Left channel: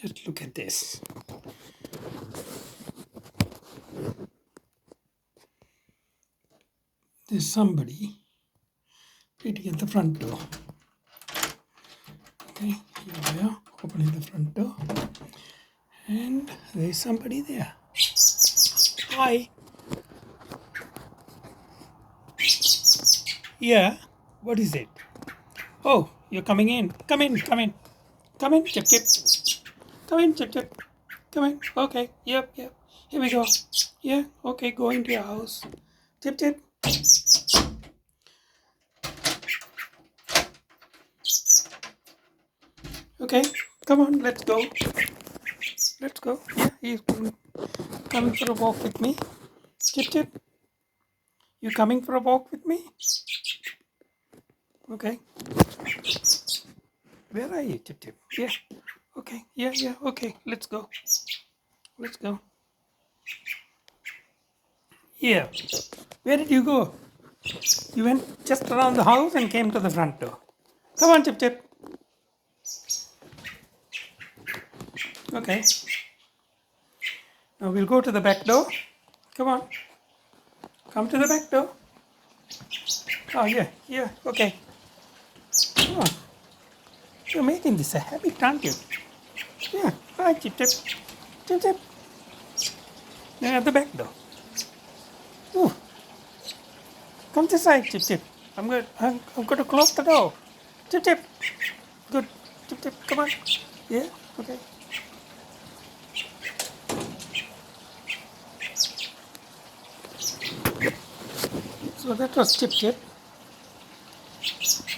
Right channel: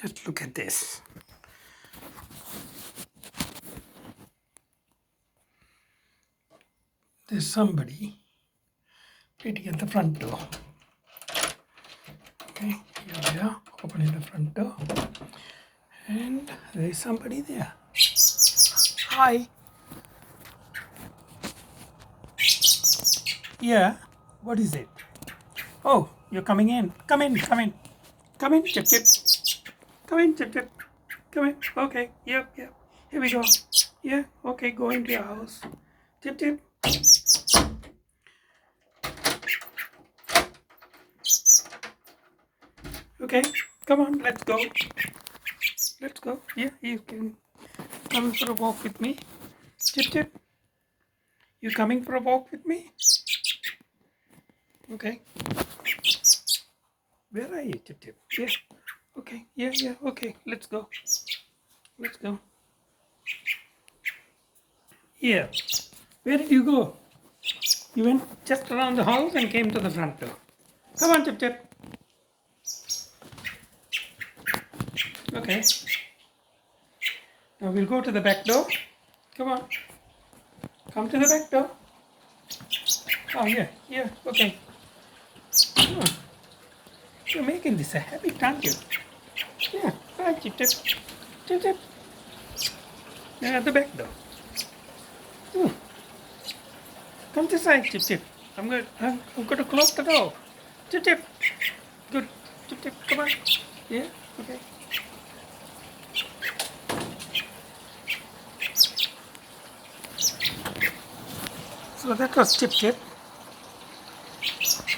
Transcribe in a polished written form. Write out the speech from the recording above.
Just look at this. There's somebody waiting at the front door. Okay, here we are, opening the front door. And there's somebody there. Hi. Yeah, what is it? Oh, you're coming in. Come in, come in. Come in, Chip Chip. Come in, Chip Chip. Come in. Okay, yep. Here we go. Yeah, okay, go into your house. Chip Chip. Okay, come on, let's go. Let's go. Yeah, he's coming for a walk with me. Chip Chip, you coming for a walk with me? Okay. Where are you, Chip Chip? Yeah. Okay. Yeah. Okay. Let's go. Let's go. Yeah. Where did you go? You went just around the house and came to the front door. Come on, Chip Chip. Okay. Now we'll go to the back door. Come on. Come to the back door. Oh, yeah. Okay. Come on. You're making this a habit, aren't you? Yeah. Hi, Chip Chip. Chip Chip. You're at the back door. Ooh. Come this side, Chip Chip. I'm going to close the door. Chip Chip. Good. Chip Chip, come on. Yeah, okay. So that was Chip Chip.